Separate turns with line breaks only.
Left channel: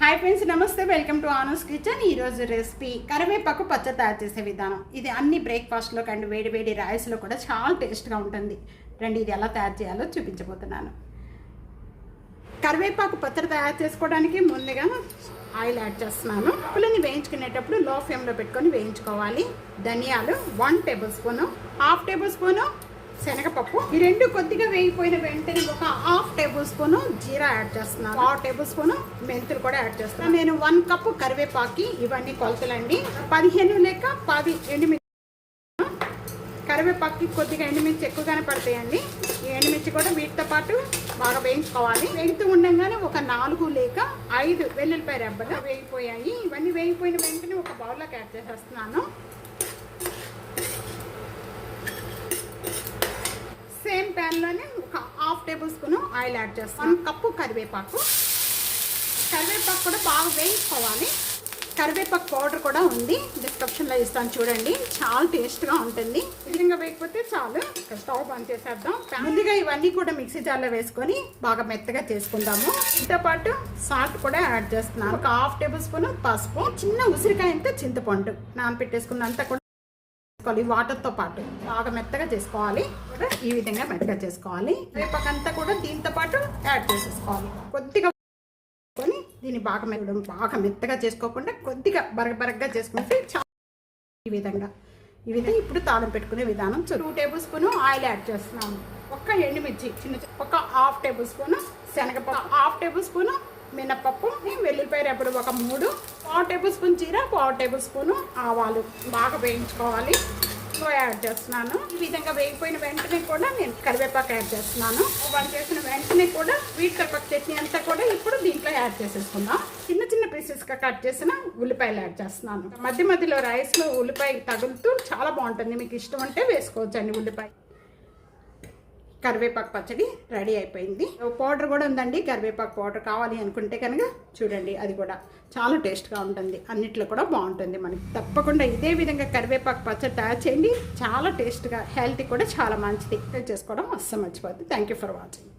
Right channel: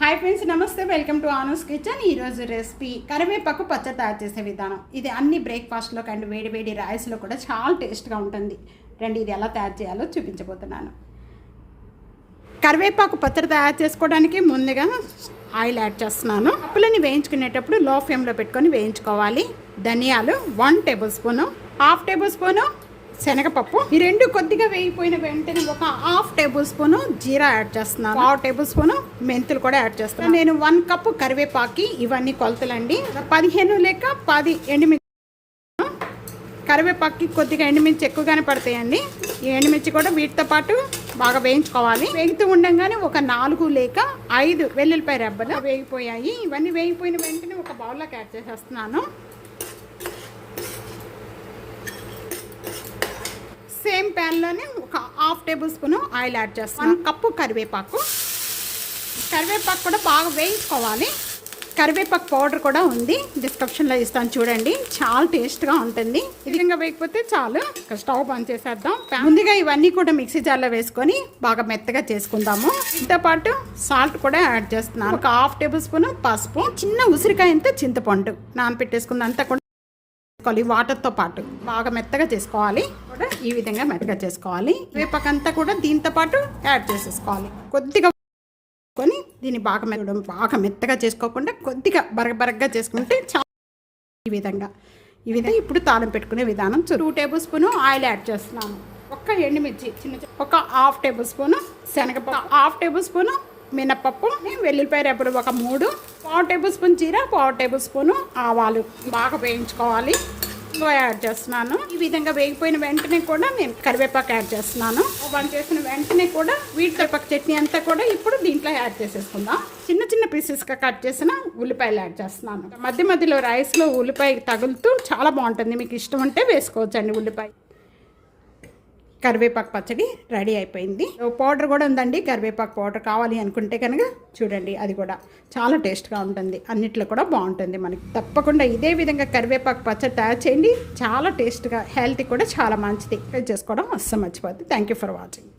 Hi friends నమస్తే welcome to Anu's kitchen ఈరోజు recipe కరివేపాకు పచ్చడి తయారు చేసే విధానం. ఇది అన్ని బ్రేక్ఫాస్ట్లో అండ్ వేడి వేడి రైస్లో కూడా చాలా టేస్ట్గా ఉంటుంది. రండి ఇది ఎలా తయారు చేయాలో చూపించబోతున్నాను. కరివేపాకు పచ్చడి తయారు చేసుకోవడానికి ముందుగా ఆయిల్ యాడ్ చేస్తున్నాను. పుల్లని వేయించుకునేటప్పుడు లో ఫ్లేమ్లో పెట్టుకొని వేయించుకోవాలి. ధనియాలు one tablespoon half tablespoon శనగపప్పు. ఈ రెండు కొద్దిగా వేగిపోయిన వెంటనే ఒక హాఫ్ టేబుల్ స్పూన్ జీరా యాడ్ చేస్తున్నాను. హాఫ్ టేబుల్ స్పూన్ మెంతులు కూడా యాడ్ చేస్తున్నాను. నేను వన్ కప్ కరివేపాకి ఇవన్నీ కొలతలండి. పదిహేను లేక పది ఎండుమిర్చి కరివేపాకి కొద్దిగా ఎండుమిర్చి ఎక్కువగానే పడతాయండి. ఈ ఎండుమిర్చి కూడా వీటితో పాటు బాగా వేయించుకోవాలి. వేగుతూ ఉండగానే ఒక నాలుగు లేక ఐదు వెల్లుల్లిపాయ రెబ్బలు వేగిపోయాయి. ఇవన్నీ వేగిపోయిన వెంటనే ఒక బౌల్లోకి యాడ్ చేసేస్తున్నాను సేమ్ ప్యాన్లోనే ఒక half tablespoon oil add చేస్తాను కప్పు కరివేపాకు. కరివేపాకు కూడా బాగా వేయించుకోవాలి. కరివేపాకు పౌడర్ కూడా ఉంది. డిస్క్రిప్షన్లో ఇస్తాను చూడండి. చాలా టేస్ట్గా ఉంటుంది. విధంగా వేయకపోతే చాలు. స్టవ్ బంద్ చేసేద్దాం. ముందుగా ఇవన్నీ కూడా మిక్సీ జార్లో వేసుకొని బాగా మెత్తగా చేసుకుందాము. దీంతో పాటు సాల్ట్ కూడా యాడ్ చేస్తున్నాను. ఒక హాఫ్ టేబుల్ స్పూన్ పసుపు. చిన్న ఉసిరికాయంతో చింతపండు చింతపండు నానపెట్టేసుకున్నంతా కూడా చేసుకోవాలి వాటర్తో పాటు బాగా మెత్తగా చేసుకోవాలి. కూడా ఈ విధంగా మెత్తగా చేసుకోవాలి. రేపకంతా కూడా దీంతో పాటు యాడ్ చేసేసుకోవాలి. కొద్దిగా కొని దీన్ని బాగా మెత్తడం బాగా మెత్తగా చేసుకోకుండా కొద్దిగా బరగ బరగ్గా చేసుకుంటే చాలా ఈ విధంగా. ఈ విధంగా ఇప్పుడు తాళం పెట్టుకునే విధానం two tablespoon oil add చేస్తున్నాము ఒక్క ఎండుమిర్చి చిన్న ఒక హాఫ్ టేబుల్ స్పూన్ శనగ హాఫ్ టేబుల్ స్పూన్ మినపప్పు వెల్లుల్లిపాయ రేపుడు ఒక మూడు పావు టేబుల్ స్పూన్ చీర పావు టేబుల్ స్పూన్ ఆవాలు. బాగా వేయించుకోవాలి. యాడ్ చేస్తున్నాను. ఈ విధంగా వేగిపోయిన వెంటనే కూడా నేను కరివేపాకు యాడ్ చేస్తున్నాను. వన్ చేసిన వెంటనే కూడా వీటి కరివేపాకు చట్నీ అంతా కూడా ఇప్పుడు దీంట్లో యాడ్ చేసేసుకుందాం. చిన్న చిన్న పీసెస్గా కట్ చేసిన ఉల్లిపాయలు యాడ్ చేస్తున్నాను. మధ్య మధ్యలో రైస్లో ఉల్లిపాయ తగులుతూ చాలా బాగుంటుంది. మీకు ఇష్టం ఉంటే వేసుకోవచ్చండి ఉల్లిపాయ. కరివేపాకు పచ్చడి రెడీ అయిపోయింది. పౌడర్ కూడా ఉందండి కరివేపాకు పౌడర్ కావాలి అనుకుంటే కనుక చూడండి అది కూడా చాలా టేస్ట్గా ఉంటుంది అన్నిట్లో కూడా బాగుంటుంది మనకి. తప్పకుండా ఇదే విధంగా కరివేపాకు పచ్చడి తయారు చేయండి చాలా టేస్ట్గా హెల్త్ కూడా చాలా మంచిది. చేసుకోవడం అస్సలు మర్చిపోద్ది థ్యాంక్ యూ ఫర్ వాచింగ్